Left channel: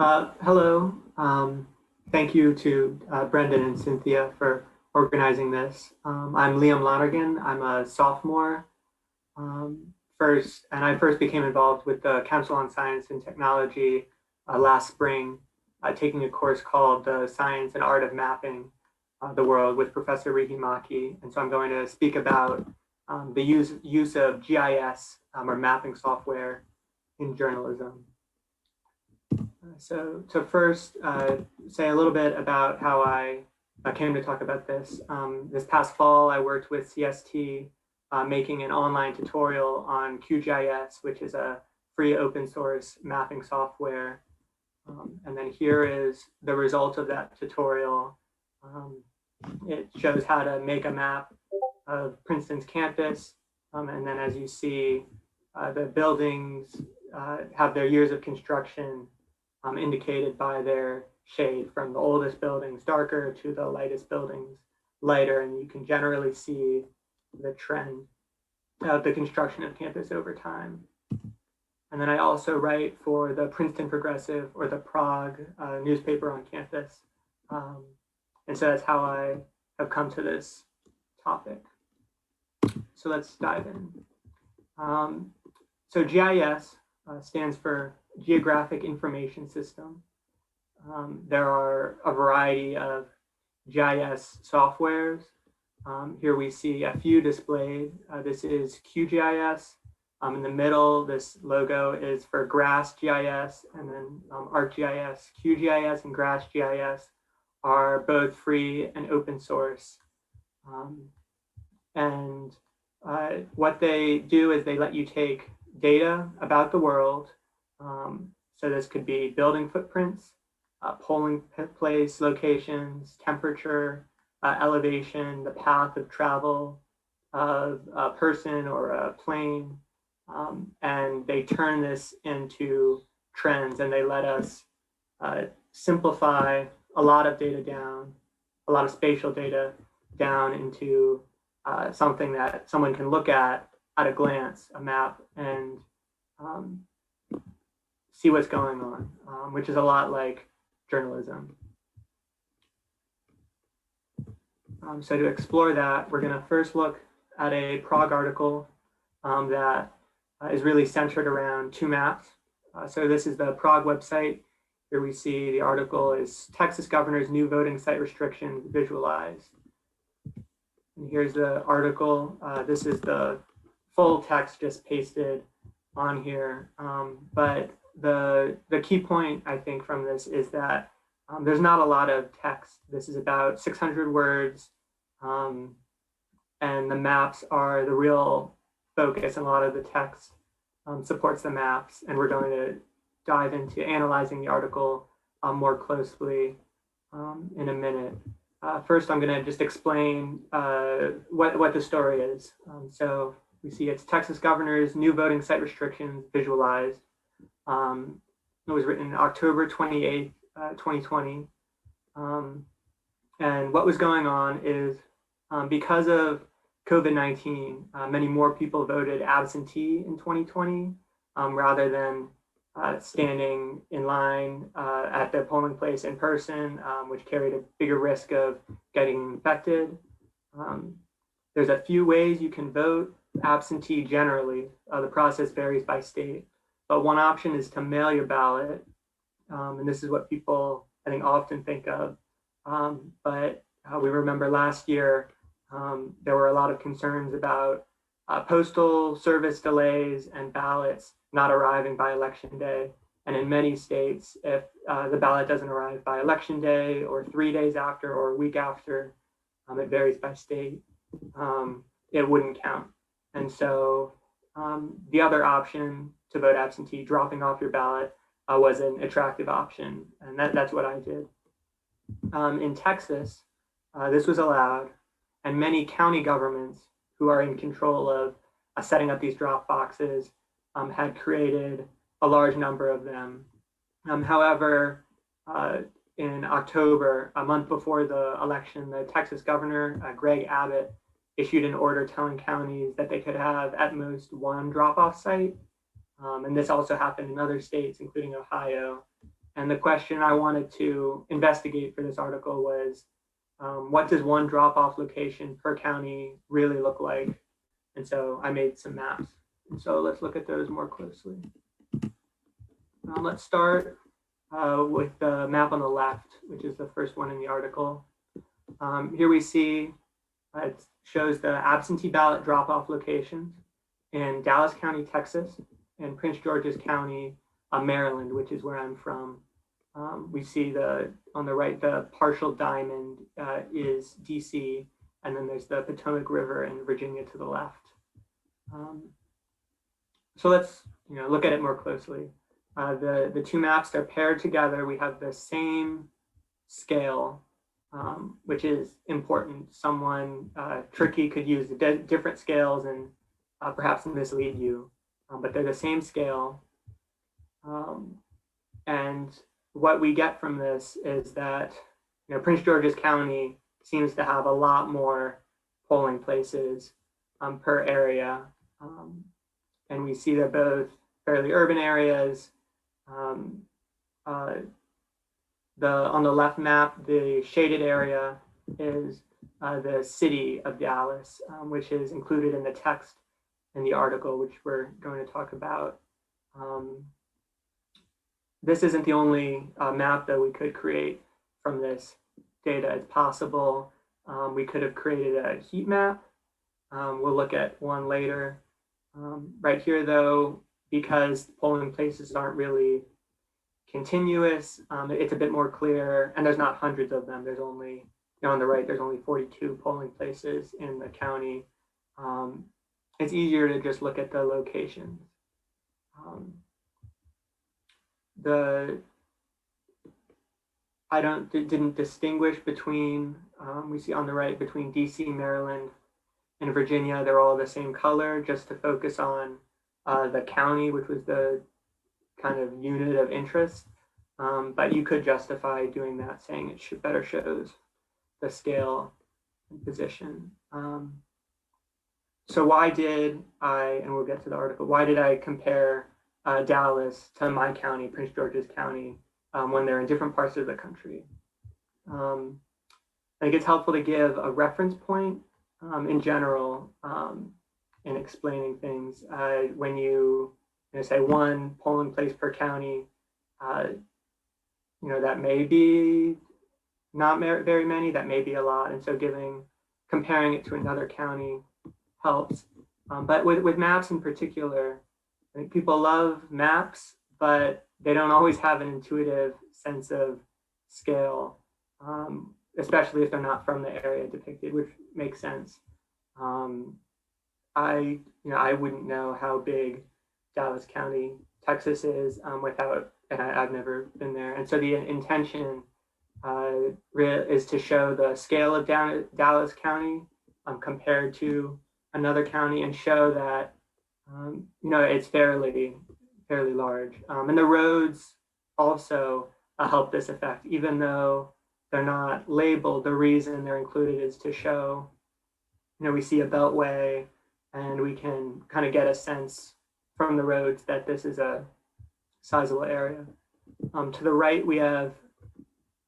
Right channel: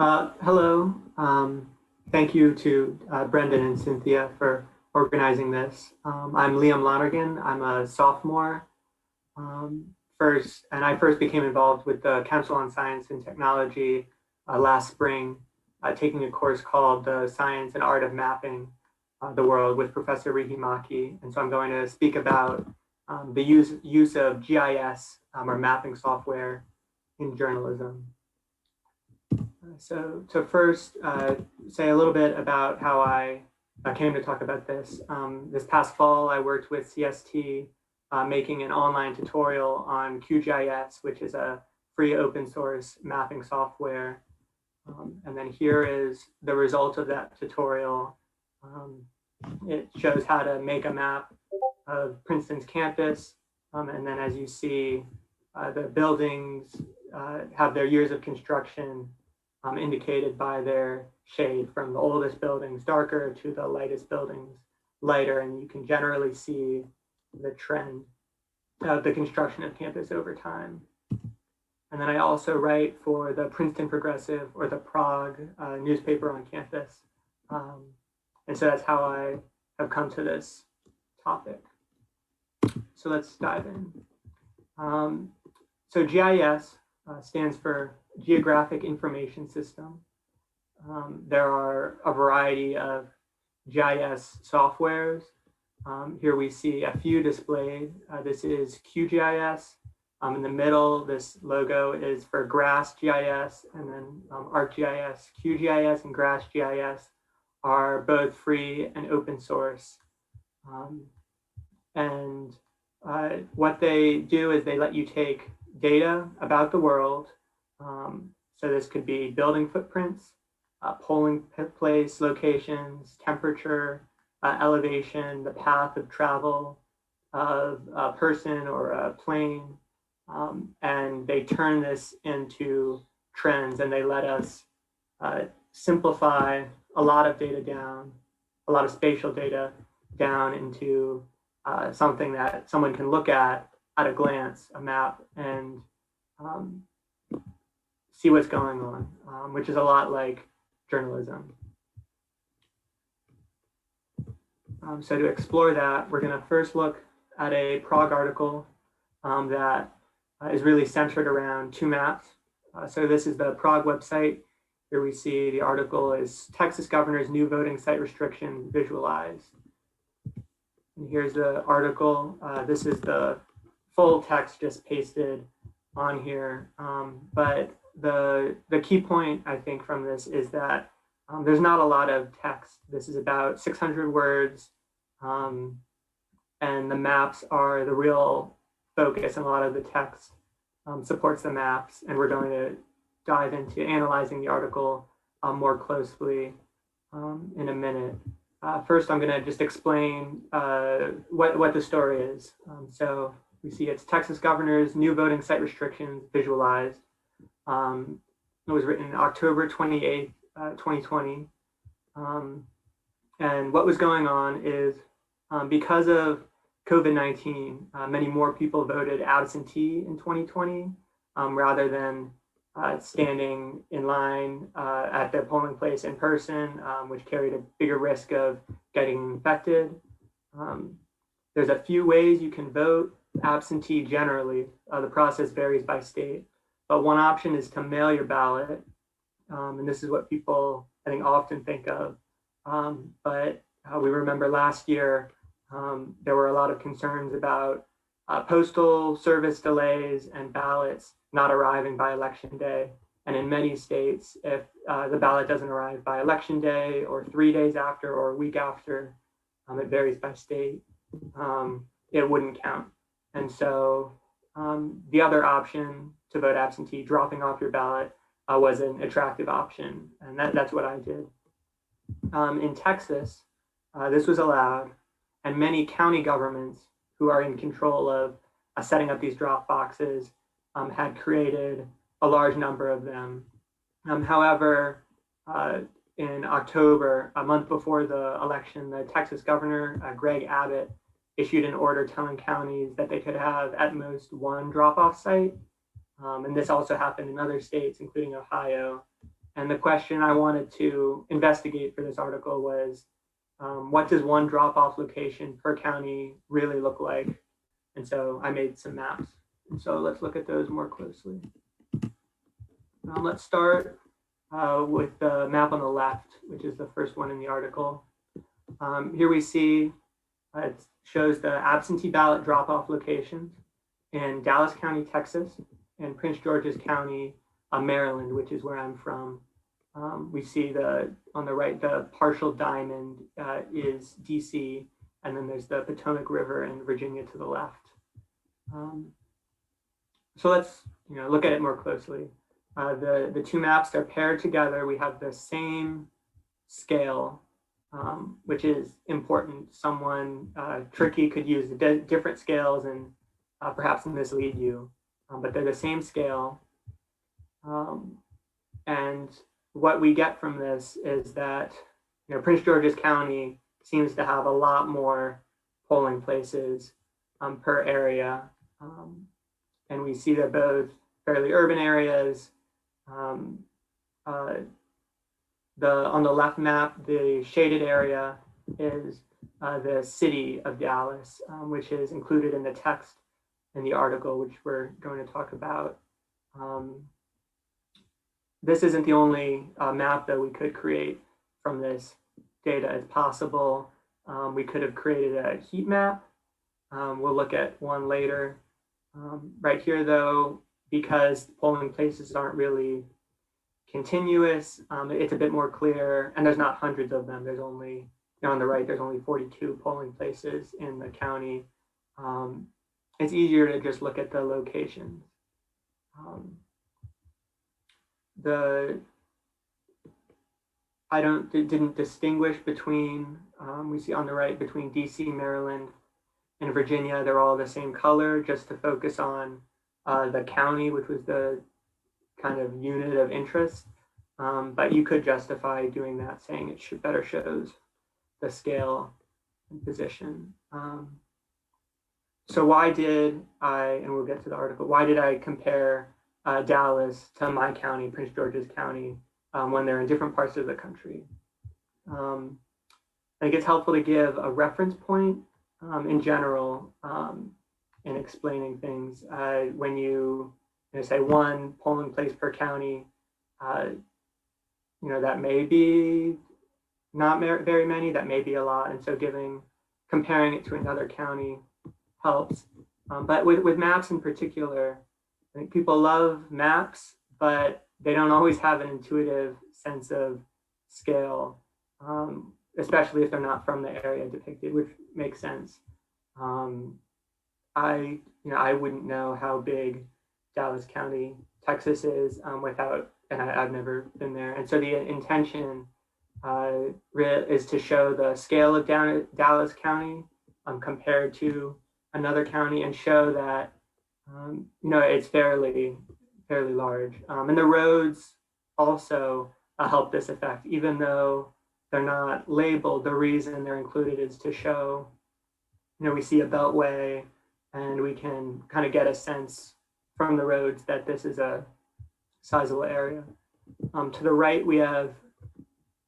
Hello. Thank you to Brendan and Cynthia for organizing this. I'm Liam Lonergan. I'm a sophomore um, I first became involved with the Council on Science and Technology last spring, taking a course called the Science and Art of Mapping the World with Professor Rihi Maki. And so I'm going to speak about the use of GIS or mapping software in journalism. So to first say a little bit about how I came to talk about this. This past fall, I worked with CST making an online tutorial on QGIS, which is a free open source mapping software. And then here is the result of that tutorial. It shows how to make a map of Princeton's campus. And then as you see, the buildings have their years of construction indicated by their shade, from the oldest buildings darker to the lightest buildings lighter, and you can generally see the trend of the construction of campus over time. And then I also write for the Princeton Progressive, or the Prague newspaper on campus. And so that's how I have come to this topic. So let's dive in. So GIS stands for Geographic Information System. There are a variety of GIS softwares. Here we see a few displayed. This is QGIS. In the middle, this logo is for Grass GIS, and then ArcGIS. QGIS and Grass GIS are both free and open source. What they do is they let you take data about the world. So this could be building footprints, polling place locations, temperature, elevation, the path of travel of a person or a plane. And they turn this into trends, and they let us simplify a lot of data down, a lot of spatial data down into something that someone can look at a glance, a map, and see what's going on, which is a lot like journalism. So to explore that, we're going to first look at a Prague article that is really centered around two maps. So this is the Prague website. Here we see the article is Texas Governor's New Voting Site Restrictions Visualized. And here's the article. This is the full text just pasted on here. But the key point, I think, from this is that there's not a lot of text. This is about 600 words, and the maps are the real focus, and a lot of the text supports the maps, and we're going to dive into analyzing the article more closely in a minute. First, I'm going to just explain what the story is. So we see it's Texas Governor's New Voting Site Restrictions Visualized. It was written October 28th, 2020. And what was going on is because of COVID-19, many more people voted absentee in 2020 rather than standing in line at the polling place in person, which carried a bigger risk of getting infected. There's a few ways you can vote absentee generally. The process varies by state, but one option is to mail your ballot. And this is what people, I think, often think of. But we remember last year, there were a lot of concerns about postal service delays and ballots not arriving by election day. And in many states, if the ballot doesn't arrive by election day or 3 days after or a week after, it varies by state, it wouldn't count. And so the other option to vote absentee, dropping off your ballot, was an attractive option. And that's what I did. In Texas, this was allowed, and many county governments who are in control of setting up these drop boxes had created a large number of them. However, in October, a month before the election, the Texas governor, Greg Abbott, issued an order telling counties that they could have at most one drop-off site. And this also happened in other states, including Ohio. And the question I wanted to investigate for this article was, what does one drop-off location per county really look like? And so I made some maps. And so let's look at those more closely. Let's start with the map on the left, which is the first one in the article. Here we see it shows the absentee ballot drop-off locations in Dallas County, Texas, and Prince George's County, Maryland, which is where I'm from. We see on the right, the partial diamond is DC, and then there's the Potomac River and Virginia to the left. So let's look at it more closely. The two maps, they're paired together. We have the same scale, which is important. Someone tricky could use the different scales and perhaps mislead you, but they're the same scale. And what we get from this is that Prince George's County seems to have a lot more polling places per area. And we see they're both fairly urban areas. On the left map, the shaded area is the city of Dallas, which is included in the text in the article, which we're going to talk about. This isn't the only map that we could create from this data. It's possible we could have created a heat map. We'll look at one later. Right here, though, because polling places aren't really continuous, it's a bit more clear, and there's not hundreds of them. There's only, on the right, there's only 42 polling places in the county. It's easier to just look at the locations. I didn't distinguish between, we see on the right, between DC, Maryland, and Virginia. They're all the same color, just to focus on the county, which was the kind of unit of interest. But you could justify doing that, saying it better shows the scale and position. So why did I, and we'll get to the article, why did I compare Dallas to my county, Prince George's County, when they're in different parts of the country? I think it's helpful to give a reference point in general in explaining things. When you say one polling place per county, that may be not very many, that may be a lot. And so comparing it to another county helps. But with maps in particular, I think people love maps, but they don't always have an intuitive sense of scale, especially if they're not from the area depicted, which makes sense. I wouldn't know how big Dallas County, Texas is and I've never been there. And so the intention is to show the scale of Dallas County compared to another county, and show that it's fairly large. And the roads also help this effect, even though they're not labeled. The reason they're included is to show, we see a beltway, and we can kind of get a sense from the roads that this is a sizable area. To the right, we have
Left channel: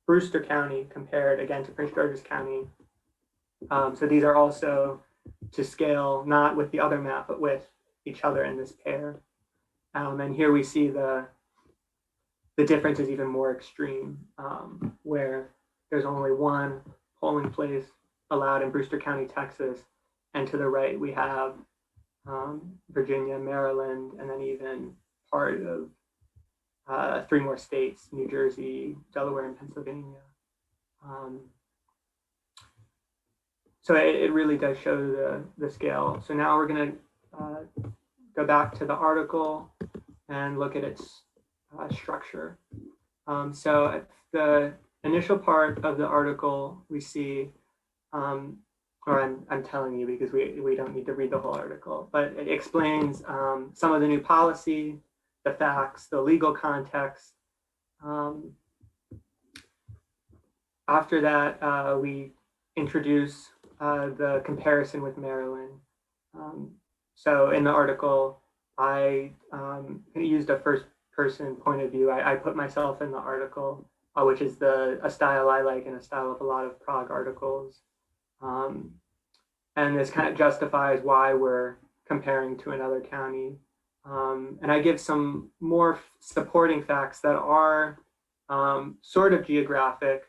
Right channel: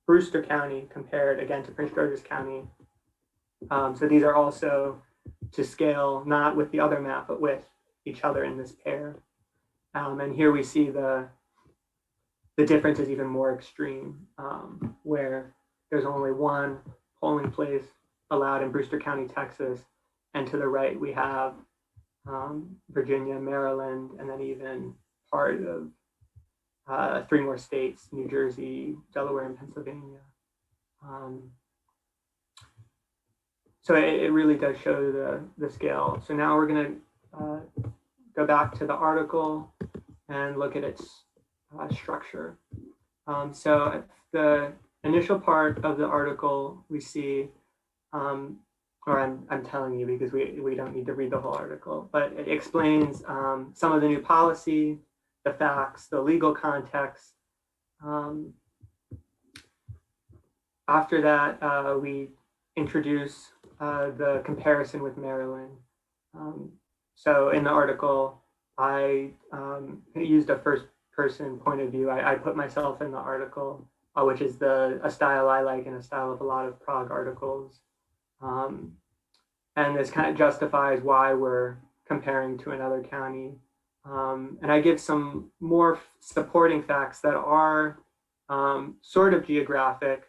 Brewster County compared again to Prince George's County. So these are also to scale, not with the other map, but with each other in this pair. And here we see the difference is even more extreme, where there's only one polling place allowed in Brewster County, Texas. And to the right, we have Virginia, Maryland, and then even part of 3 more states, New Jersey, Delaware, and Pennsylvania. So it really does show the scale. So now we're going to go back to the article and look at its structure. So at the initial part of the article, we see, or I'm telling you because we don't need to read the whole article, but it explains some of the new policy, the facts, the legal context. After that, we introduce the comparison with Maryland. So in the article, I used a first person point of view. I put myself in the article, which is a style I like and a style of a lot of Prague articles. And this kind of justifies why we're comparing to another county. And I give some more supporting facts that are sort of geographic,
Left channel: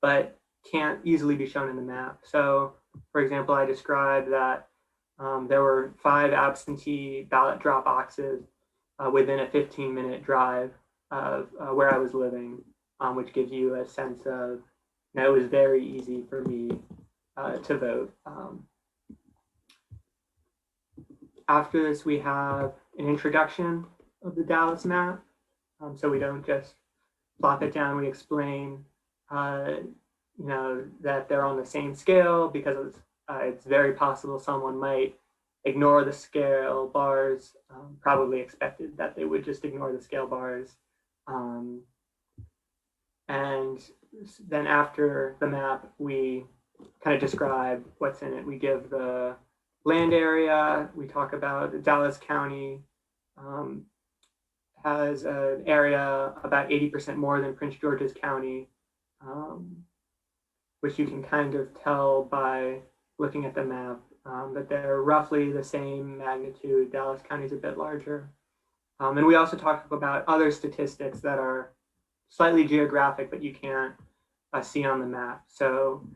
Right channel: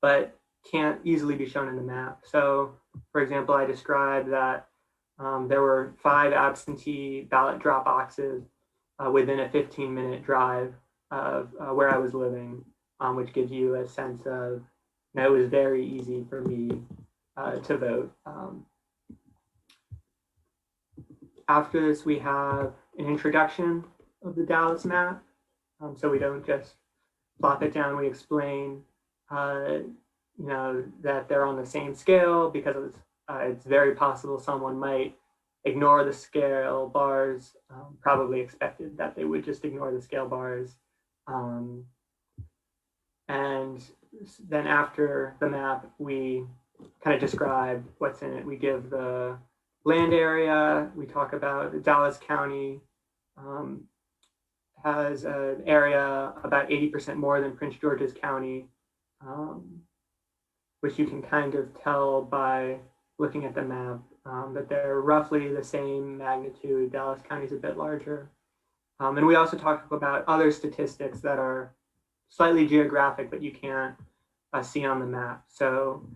but can't easily be shown in the map. So, for example, I described that there were 5 absentee ballot drop boxes within a 15-minute drive of where I was living, which gives you a sense of, it was very easy for me to vote. After this, we have an introduction of the Dallas map. So we don't just plop it down, we explain that they're on the same scale, because it's very possible someone might ignore the scale bars, probably expected that they would just ignore the scale bars. And then after the map, we kind of describe what's in it. We give the land area, we talk about Dallas County has an area about 80% more than Prince George's County, which you can kind of tell by looking at the map, that they're roughly the same magnitude. Dallas County is a bit larger. And we also talk about other statistics that are slightly geographic, but you can't see on the map. So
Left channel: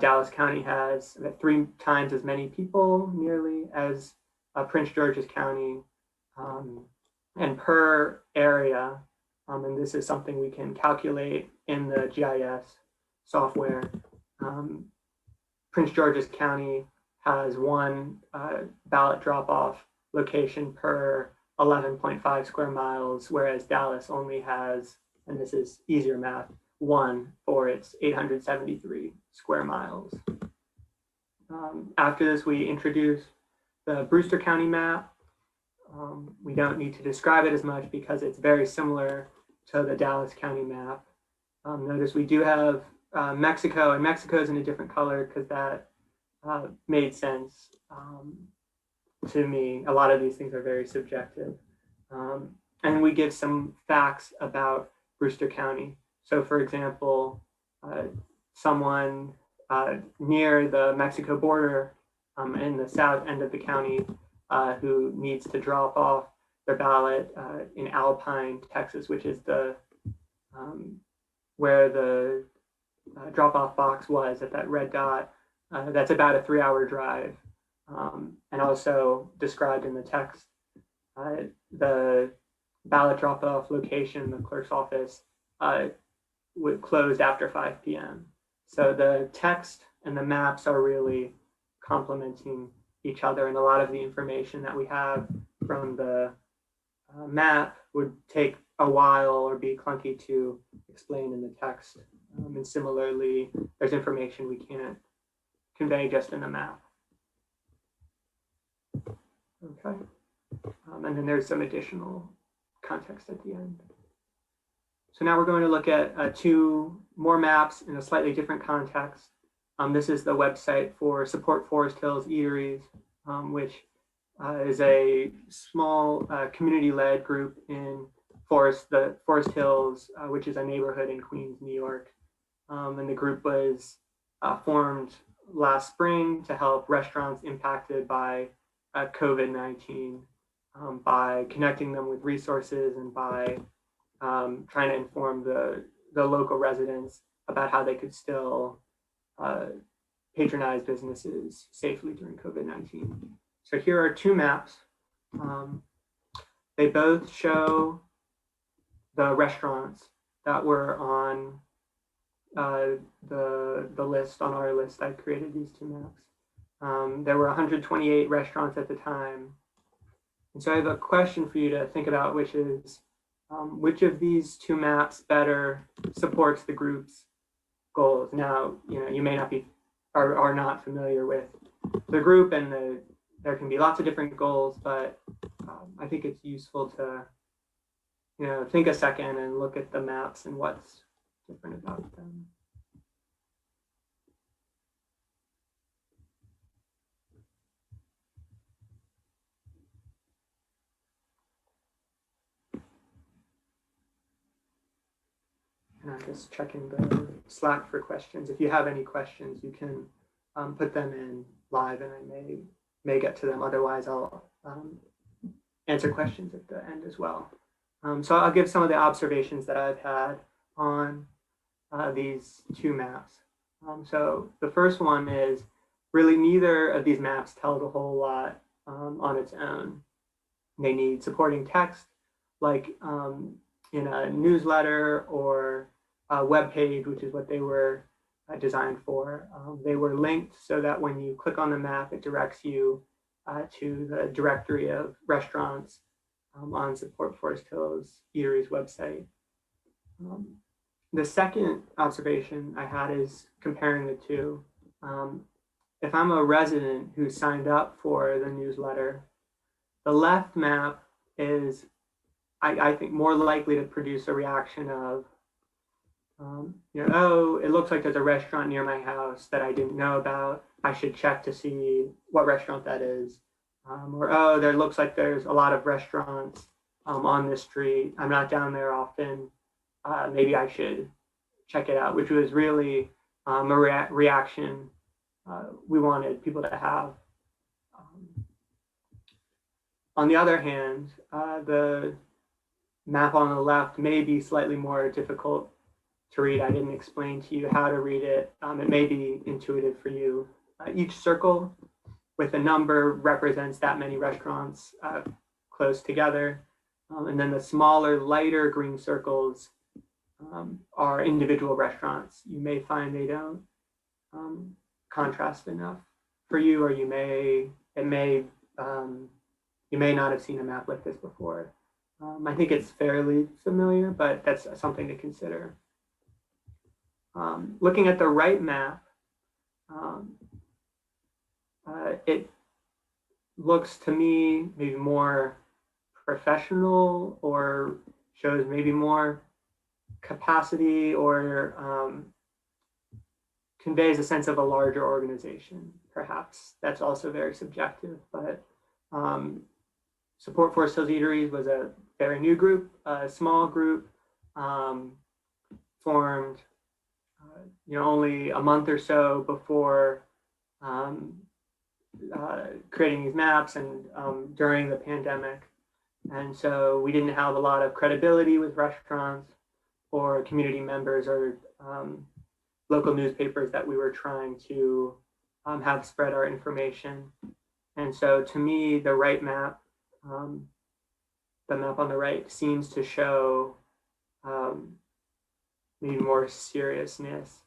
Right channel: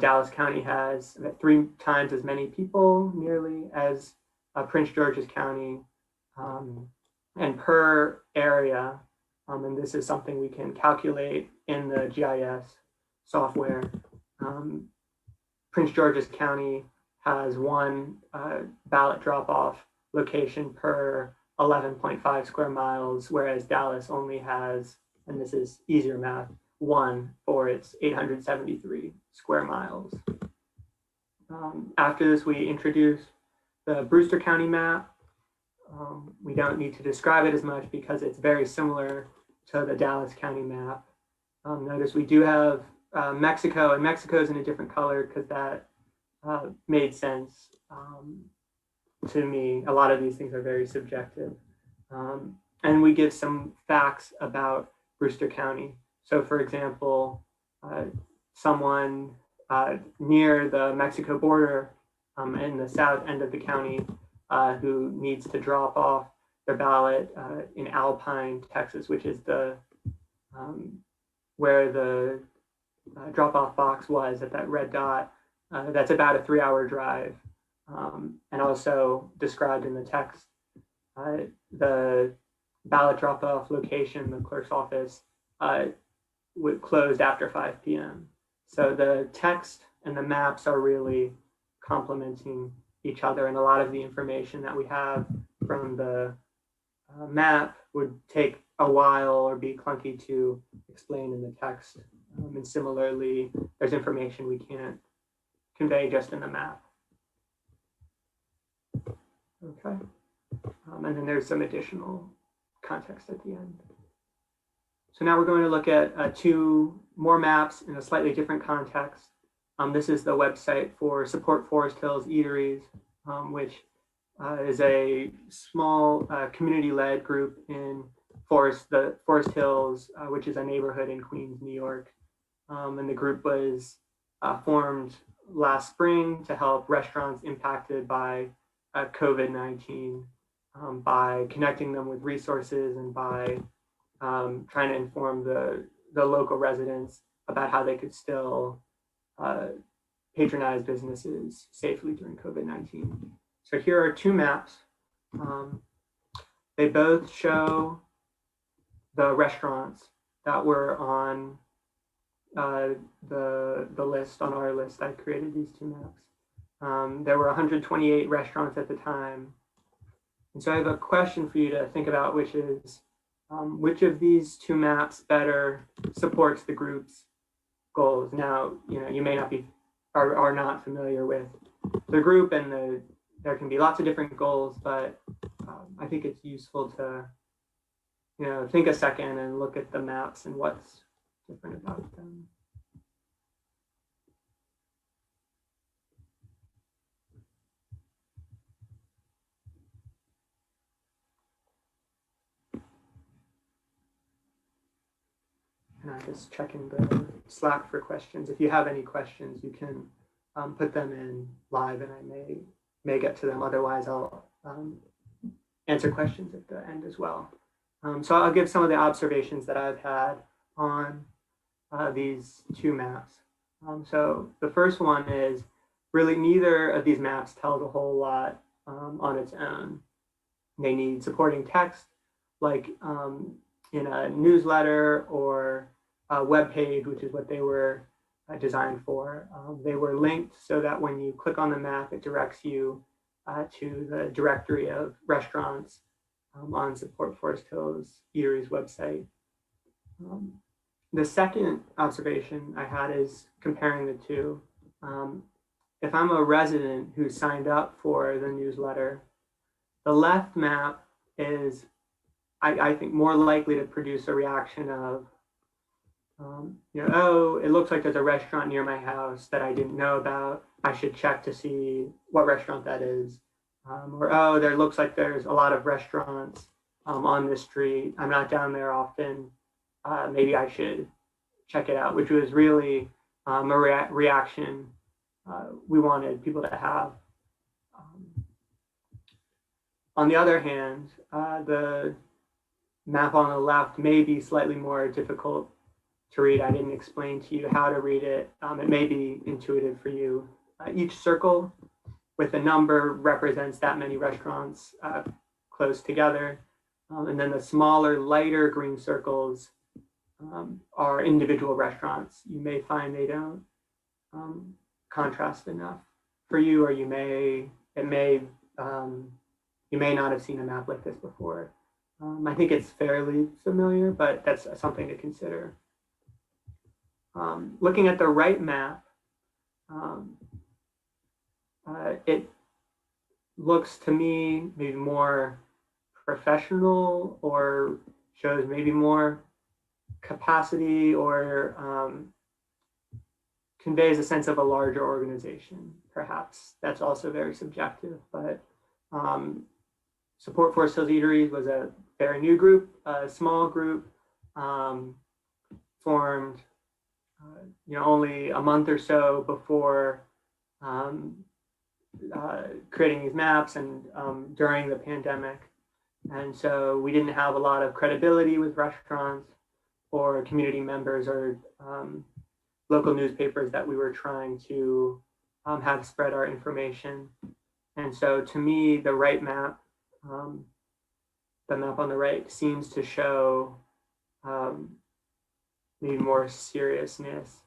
Dallas County has 3 times as many people nearly as Prince George's County, and per area, and this is something we can calculate in the GIS software. Prince George's County has 1 ballot drop-off location per 11.5 square miles, whereas Dallas only has, and this is easier math, 1 for its 873 square miles. After this, we introduce the Brewster County map. We don't need to describe it as much because it's very similar to the Dallas County map. Notice we do have Mexico, and Mexico is in a different color because that made sense to me. A lot of these things are very subjective. And we give some facts about Brewster County. So for example, someone near the Mexico border in the south end of the county who needs to drop off their ballot in Alpine, Texas, which is where the drop-off box was at that red dot. That's about a 3-hour drive. And also described in the text, the ballot drop-off location, the clerk's office, closed after 5 p.m. So the text and the maps are really complementing each other, and a lot of the information that we have from the map would take a while or be clunky to explain in the text. And similarly, there's information we can't convey just in the map. Okay. And then there's some additional context at the end. So now we're going to look at 2 more maps in a slightly different context. This is the website for Support Forest Hills Eateries, which is a small community-led group in Forest Hills, which is a neighborhood in Queens, New York. And the group was formed last spring to help restaurants impacted by COVID-19 by connecting them with resources and by trying to inform the local residents about how they could still patronize businesses safely during COVID-19. So here are 2 maps. They both show the restaurants that were on the list, on our list. I created these 2 maps. There were 128 restaurants at the time. And so I have a question for you to think about, which is, which of these 2 maps better supports the group's goals? Now, you may not be, are not familiar with the group, and there can be lots of different goals, but I think it's useful to, think a second and look at the maps and what's different about them. And I'm just checking the Slack for questions. If you have any questions, you can put them in live, and I may get to them. Otherwise, I'll answer questions at the end as well. So I'll give some of the observations that I've had on these two maps. So the first one is really neither of these maps tells a whole lot on its own. They need supporting text, like in a newsletter or a web page, which is what they were designed for. They were linked so that when you click on the map, it directs you to the directory of restaurants on Support Forest Hills Eatery's website. The second observation I had is comparing the two. If I'm a resident who signed up for the newsletter, the left map is, I think, more likely to produce a reaction of, oh, it looks like there's a restaurant near my house that I didn't know about. I should check to see what restaurant that is. Or, oh, there looks like there's a lot of restaurants on this street. I'm not down there often. Maybe I should check it out, which was really a reaction we wanted people to have. On the other hand, the map on the left may be slightly more difficult to read. I didn't explain to you how to read it. It may be intuitive for you. Each circle with a number represents that many restaurants close together. And then the smaller, lighter green circles are individual restaurants. You may find they don't contrast enough for you, or you may not have seen a map like this before. I think it's fairly familiar, but that's something to consider. Looking at the right map, it looks to me maybe more professional, or shows maybe more capacity, or conveys a sense of a larger organization, perhaps. That's also very subjective, but Support Forest Hills Eatery was a very new group, a small group, formed only a month or so before creating these maps, and during the pandemic. And so we didn't have a lot of credibility with restaurants or community members or local newspapers that we were trying to have spread our information. And so to me, the right map, the map on the right, seems to show maybe more seriousness.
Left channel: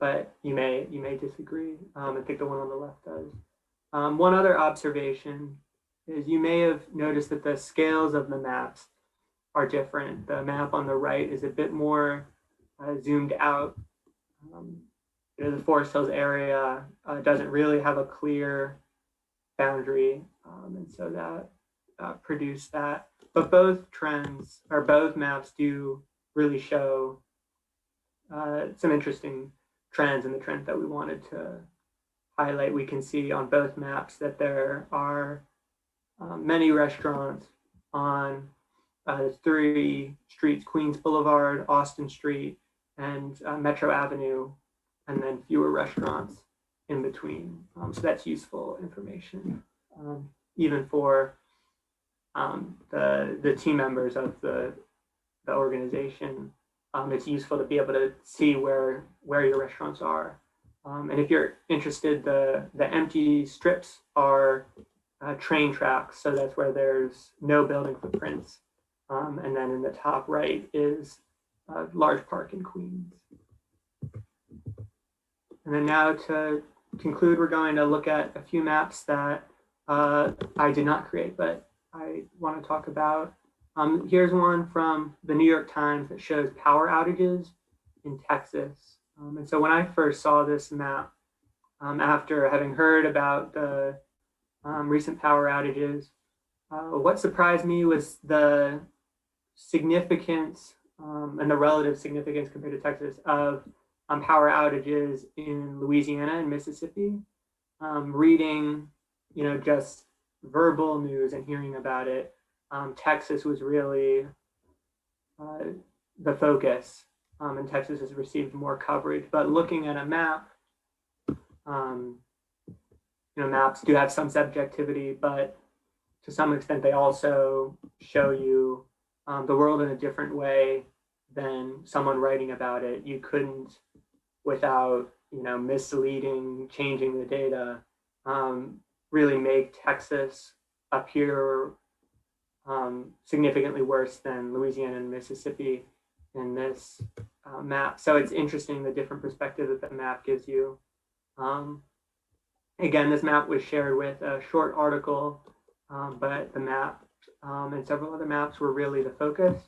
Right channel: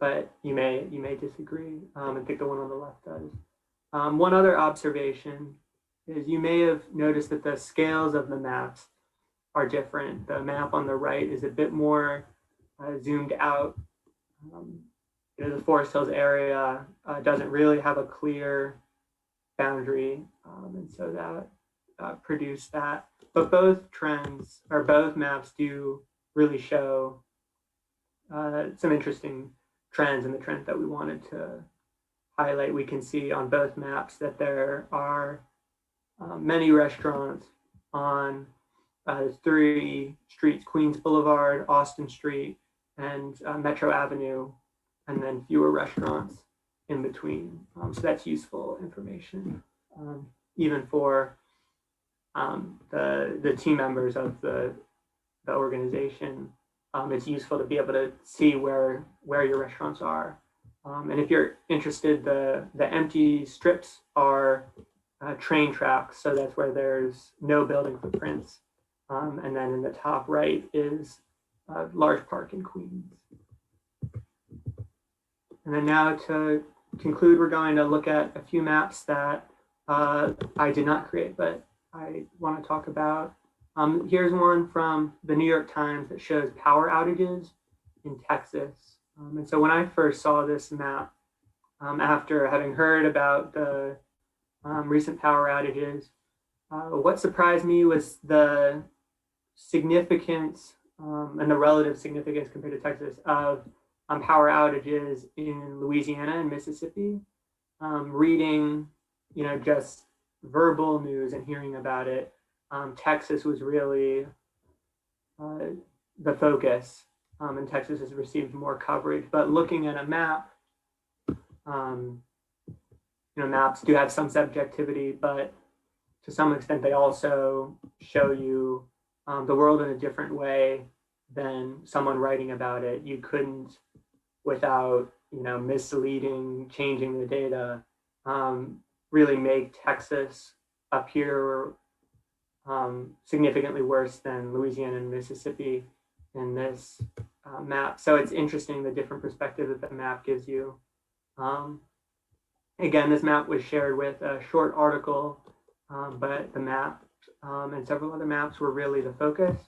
But you may disagree. I think the one on the left does. One other observation is you may have noticed that the scales of the maps are different. The map on the right is a bit more zoomed out. The Forest Hills area doesn't really have a clear boundary, and so that produced that. But both trends, or both maps, do really show some interesting trends, and the trends that we wanted to highlight. We can see on both maps that there are many restaurants on the three streets: Queens Boulevard, Austin Street, and Metro Avenue, and then fewer restaurants in between. So that's useful information, even for the team members of the organization. It's useful to be able to see where your restaurants are. And if you're interested, the empty strips are train tracks, so that's where there's no building footprints. And then in the top right is a large park in Queens. And then now to conclude, we're going to look at a few maps that I did not create, but I want to talk about. Here's one from the New York Times that shows power outages in Texas. And so when I first saw this map, after having heard about the recent power outages, what surprised me was the significance and the relative significance compared to Texas of power outages in Louisiana and Mississippi. Reading, just verbal news and hearing about it, Texas was really the focus, and Texas has received more coverage. But looking at a map, maps do have some subjectivity, but to some extent they also show you the world in a different way than someone writing about it. You couldn't, without misleading, changing the data, really make Texas appear significantly worse than Louisiana and Mississippi in this map. So it's interesting the different perspective that the map gives you. Again, this map was shared with a short article, but the map and several other maps were really the focus.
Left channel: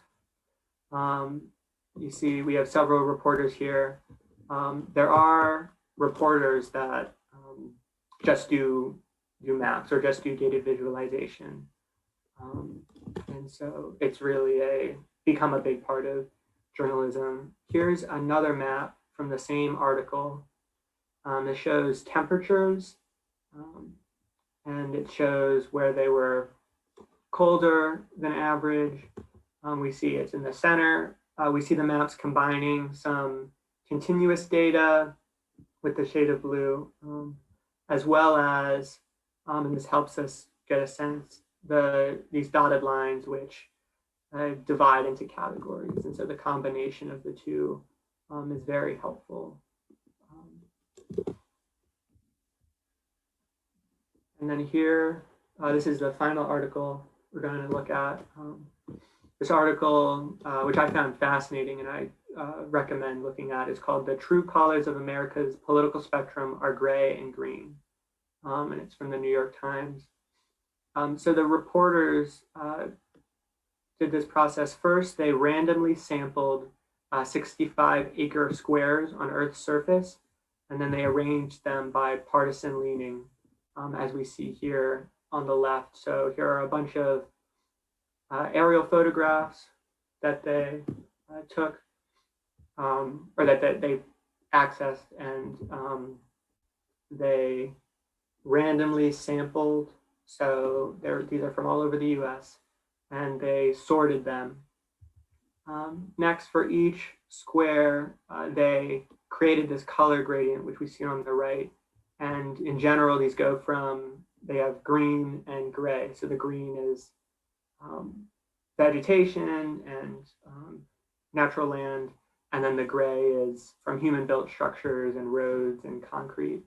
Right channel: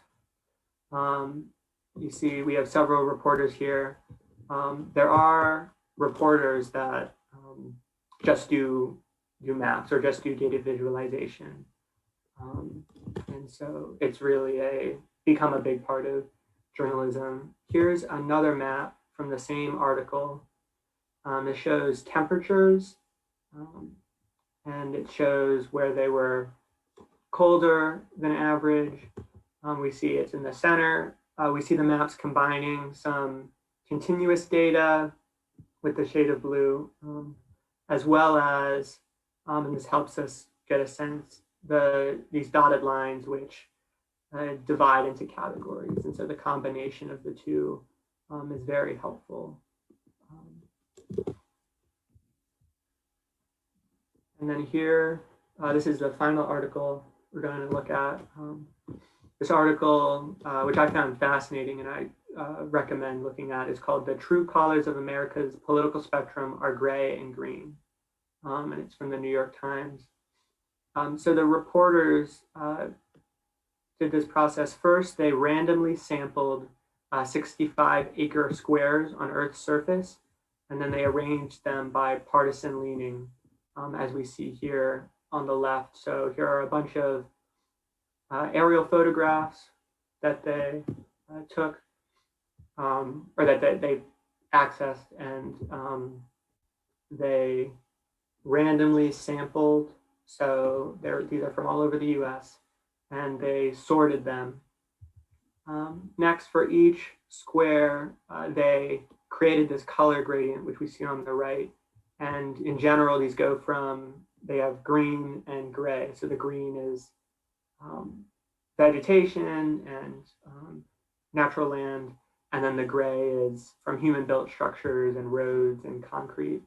You see, we have several reporters here. There are reporters that just do maps or just do data visualization. And so it's really become a big part of journalism. Here's another map from the same article. It shows temperatures, and it shows where they were colder than average. We see it's in the center. We see the maps combining some continuous data with the shade of blue, as well as, and this helps us get a sense, these dotted lines which divide into categories. And so the combination of the two is very helpful. And then here, this is the final article we're going to look at. This article, which I found fascinating and I recommend looking at, is called "The True Colors of America's Political Spectrum Are Gray and Green." And it's from the New York Times. So the reporters did this process. First, they randomly sampled 65 acre squares on Earth's surface, and then they arranged them by partisan leaning, as we see here on the left. So here are a bunch of aerial photographs that they took, or that they accessed, and they randomly sampled. So these are from all over the US, and they sorted them. Next, for each square, they created this color gradient, which we see on the right. And in general, these go from, they have green and gray. So the green is vegetation and natural land. And then the gray is from human-built structures and roads and concrete.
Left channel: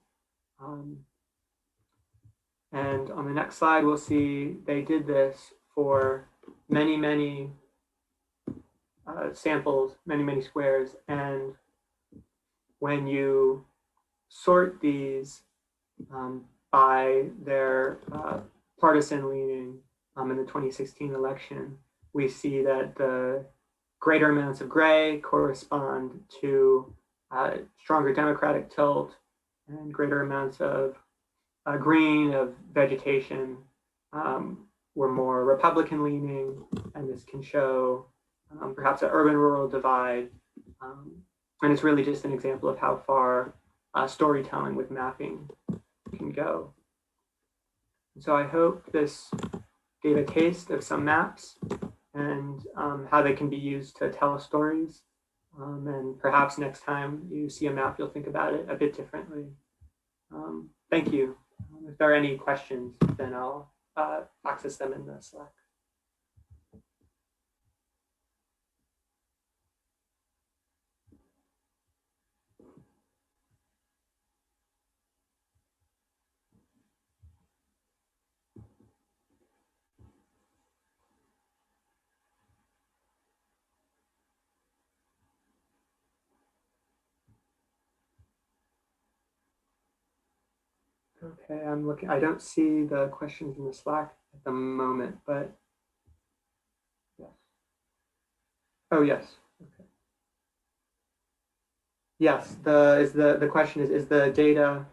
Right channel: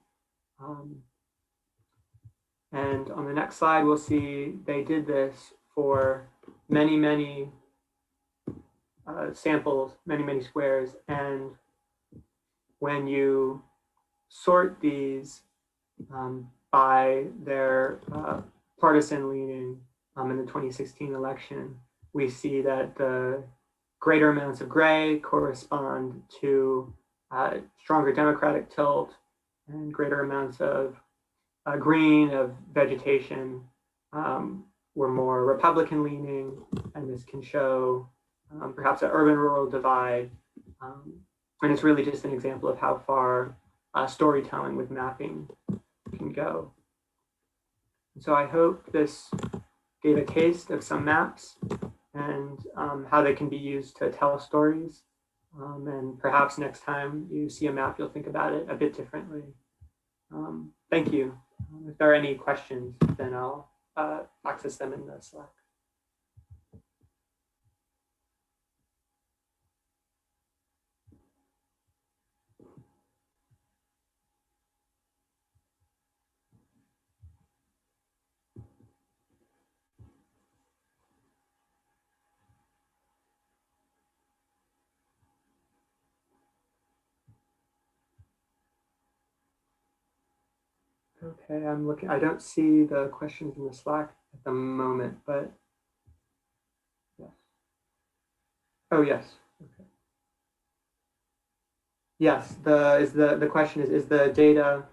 And on the next slide, we'll see they did this for many, many samples, many, many squares. And when you sort these by their partisan leaning in the 2016 election, we see that the greater amounts of gray correspond to stronger Democratic tilt, and greater amounts of green, of vegetation, were more Republican leaning, and this can show perhaps an urban-rural divide. And it's really just an example of how far storytelling with mapping can go. So I hope this gave a taste of some maps and how they can be used to tell stories. And perhaps next time you see a map, you'll think about it a bit differently. Thank you. If there are any questions, then I'll access them in the Slack. Okay, I'm looking. I don't see the questions in the Slack at the moment, but yes. Oh, yes. Okay. Yes. The question is the data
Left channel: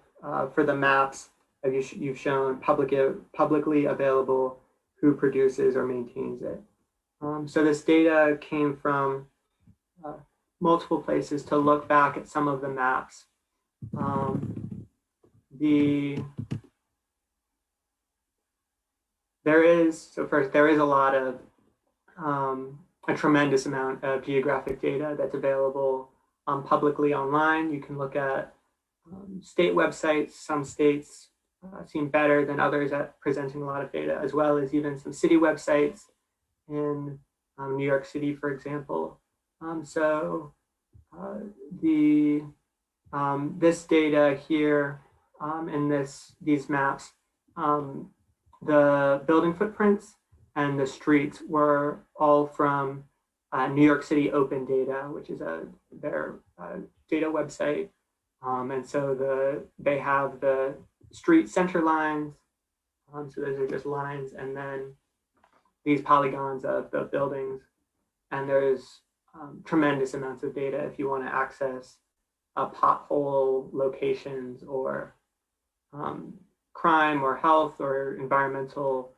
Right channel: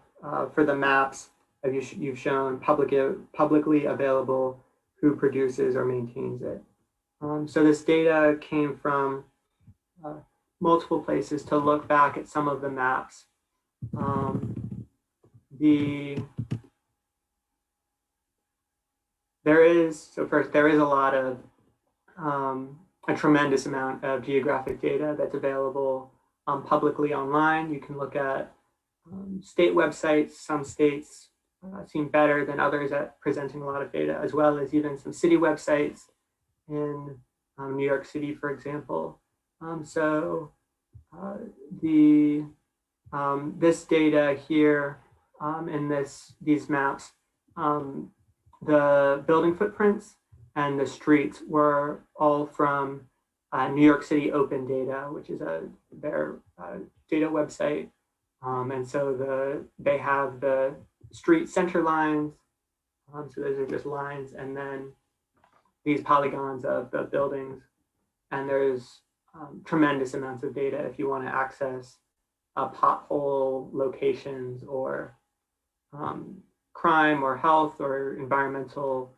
for the maps have you've shown publicly available? Who produces or maintains it? So this data came from multiple places to look back at some of the maps. There is a lot of a tremendous amount of geographic data that's available publicly online. You can look at state websites. Some states seem better than others at presenting a lot of data, as well as even some city websites in New York City, for example. So this data here in these maps, the building footprints and the streets were all from New York City Open Data, which is their data website. And so they have the street center lines. So those are just lines, and then these polygons of the buildings. And there's tremendous amounts of data if you want to access pothole locations or crime or health or environmental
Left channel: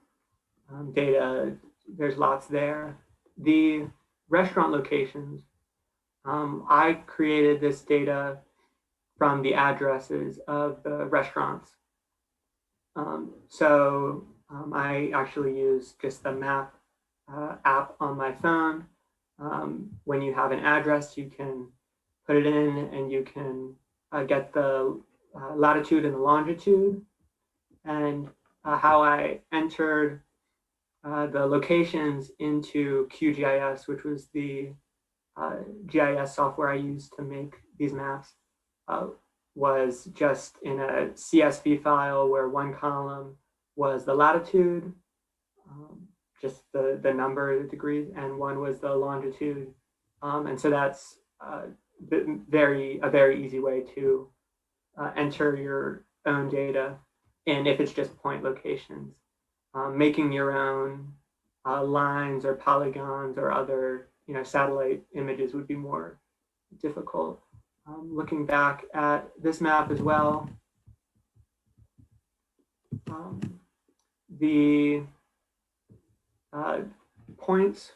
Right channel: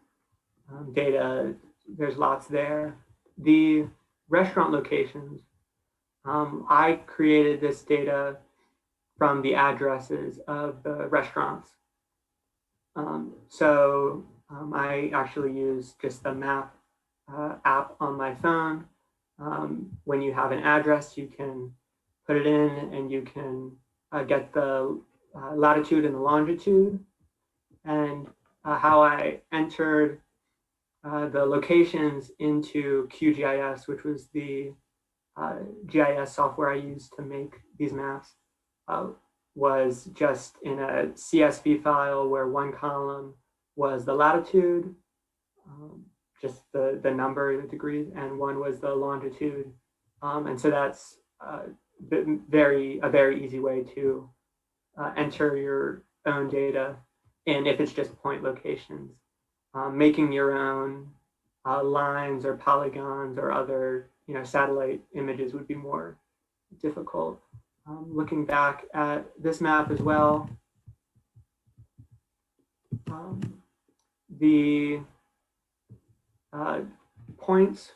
data. There's lots there. The restaurant locations, I created this data from the addresses of the restaurants. I actually use just the map app on my phone. When you have an address, you can put it in and you can get the latitude and the longitude. And how I entered the locations into QGIS, which was the GIS software I used to make these maps, was just in a CSV file where one column was the latitude, just the number of degrees, and one was the longitude. And so that's a very easy way to enter your own data. And if it's just point locations, making your own lines or polygons or other satellite images would be more difficult. Looking back at this map as well, the points,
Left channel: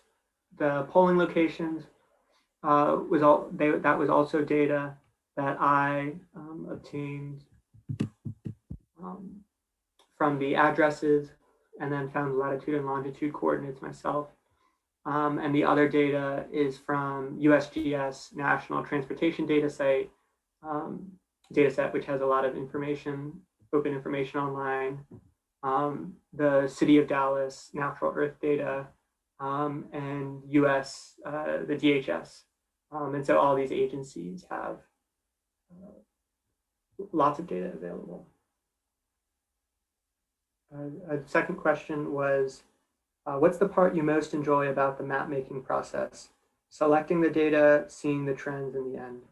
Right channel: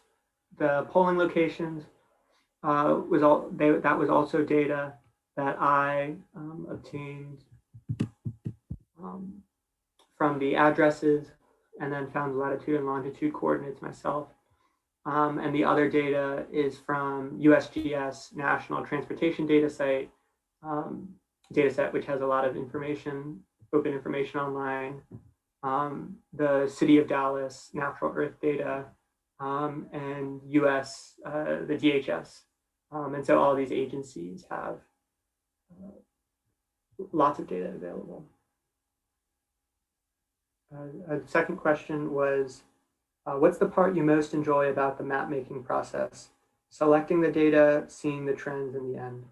the polling locations, that was also data that I obtained from the addresses, and then found latitude and longitude coordinates myself. And the other data is from USGS National Transportation Data Set, which has a lot of information, open information online. The City of Dallas Natural Earth data, and US, the DHS. And so all these agencies have lots of data available. A second question was, what's the part you most enjoy about the map making process? Selecting the data, seeing the trends in the end.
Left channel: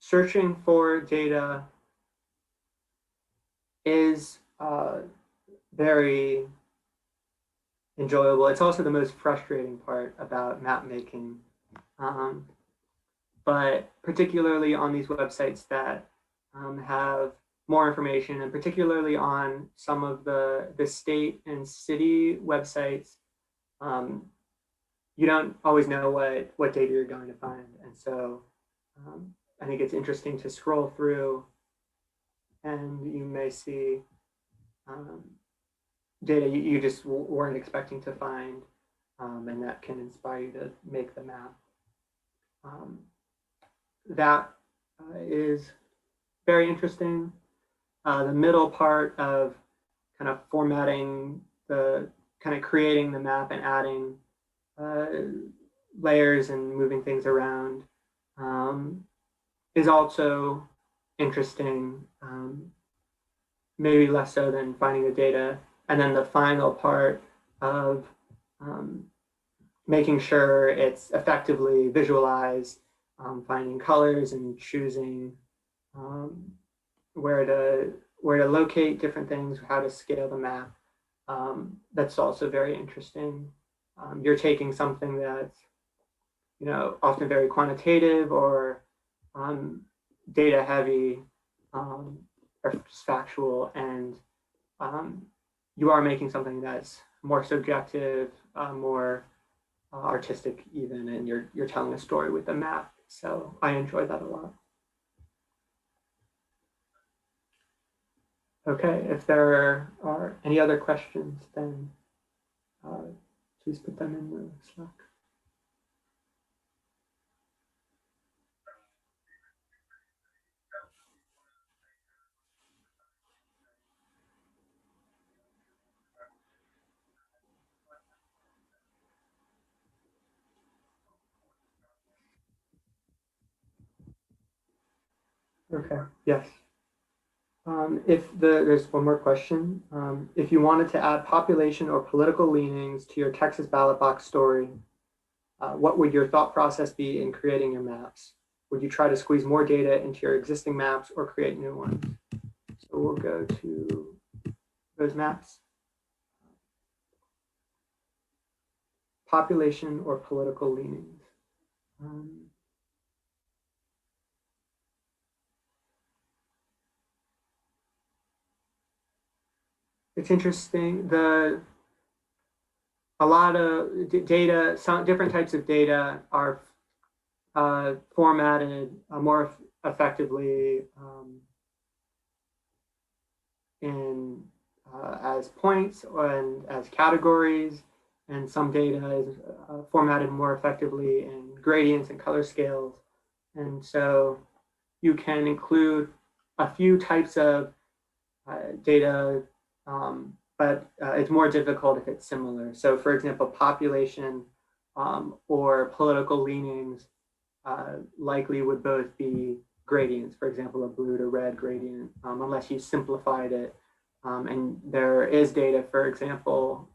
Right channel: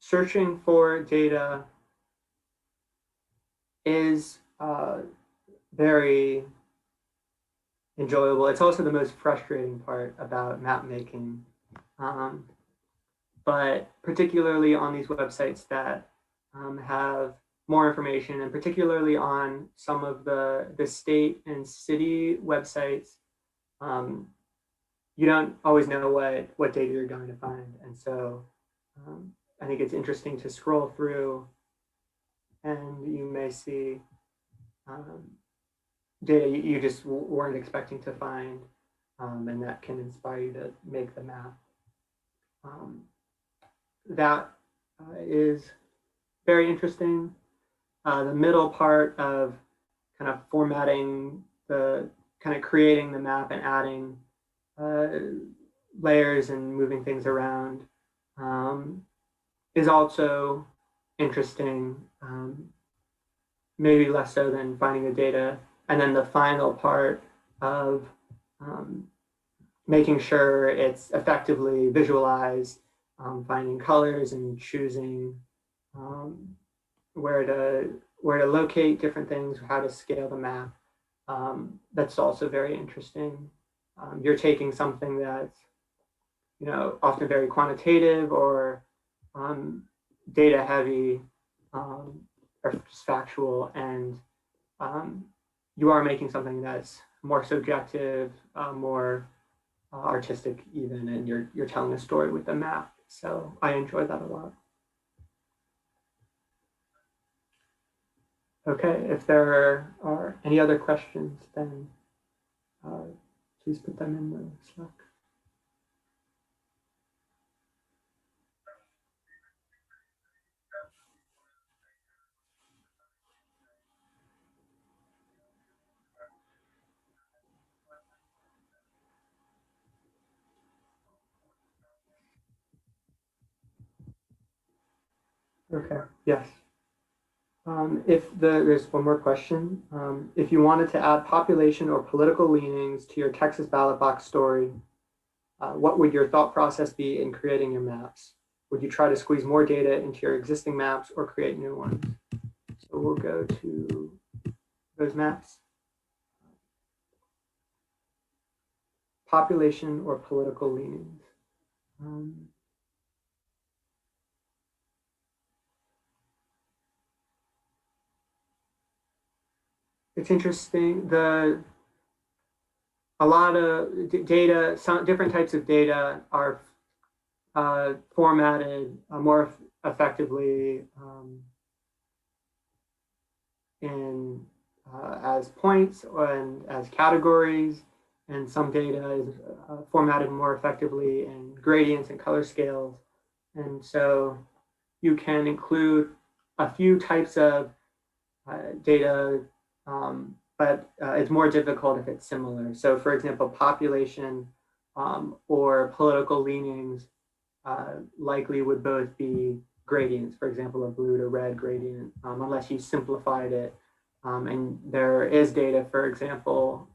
Searching for data is very enjoyable. It's also the most frustrating part about map making. But particularly on these websites that have more information, and particularly on some of the state and city websites, you don't always know what data you're going to find. And so I think it's interesting to scroll through, and you may see data you just weren't expecting to find, and that can inspire you to make the map. That is very interesting. The middle part of kind of formatting creating the map and adding layers and moving things around is also interesting, maybe less so than finding the data. And then the final part of making sure it's effectively visualized, finding colors and choosing where to locate different things, how to scale the map. That's also very interesting. You're taking something that's often very quantitative or data heavy, or just factual, and you are making something that's more subjective, more artistic even, and you're telling a story with the map. So I enjoy that a lot. Okay, if there are any other questions, then please put them in the Slack. Okay, yes. There's one more question. If you wanted to add population or political leanings to your Texas ballot box story, what would your thought process be in creating your maps? Would you try to squeeze more data into your existing maps or create new ones? So we'll go to those maps. Population or political leanings. It's interesting. A lot of data, some different types of data are formatted more effectively as points and as categories, and some data is formatted more effectively in gradients and color scales. And so you can include a few types of data, but it's more difficult if it's similar. So for example, population or political leanings likely would both be gradients, for example, a blue to red gradient, unless you simplified it. And there is data, for example,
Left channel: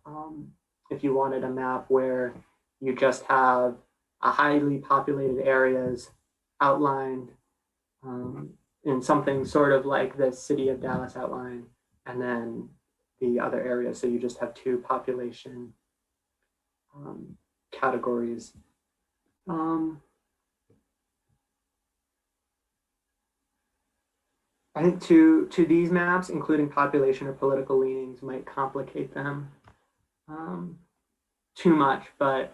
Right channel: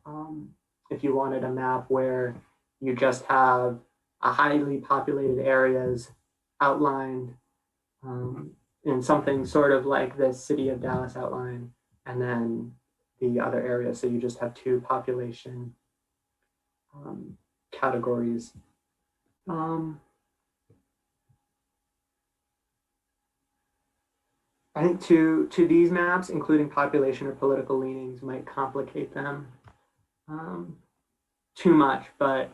if you wanted a map where you just have a highly populated areas outlined in something sort of like the city of Dallas outline, and then the other areas. So you just have two population categories. I think to these maps, including population or political leanings, might complicate them too much, but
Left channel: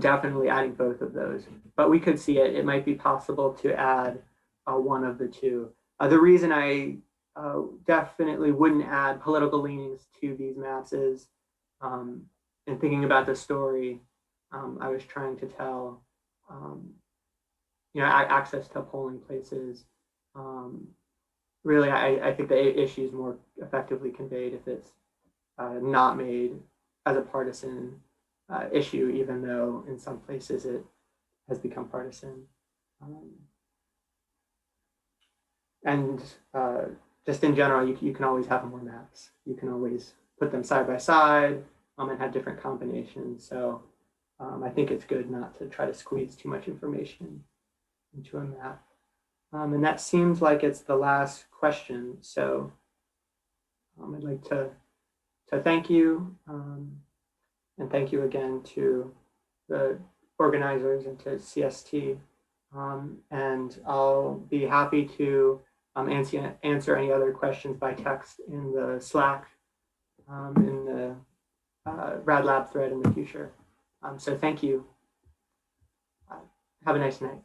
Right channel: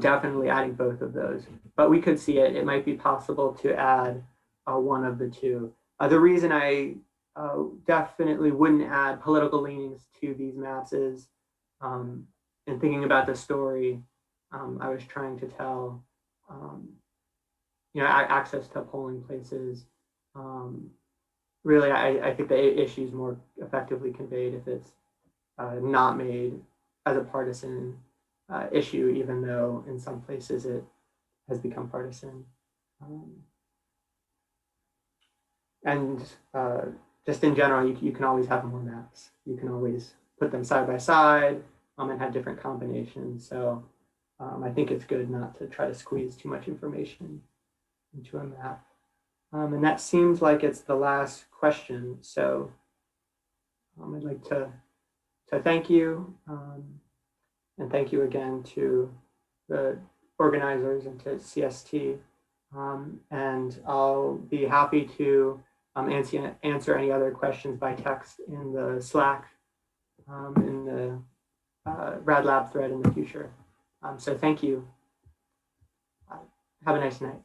definitely adding both of those. But we could see it. It might be possible to add one of the two. The reason I definitely wouldn't add political leanings to these maps is, in thinking about the story, I was trying to tell, access to polling places. Really, I think the issue is more effectively conveyed if it's not made as a partisan issue, even though in some places it has become partisan. And just in general, you can always have more maps. You can always put them side by side and have different combinations. So I think it's good not to try to squeeze too much information into a map. And that seems like it's the last question. So I'd like to thank you, and thank you again to the organizers and to CST. And I'll be happy to answer any other questions by text in the Slack, in the RadLab thread in the future. So thank you. Have a nice night.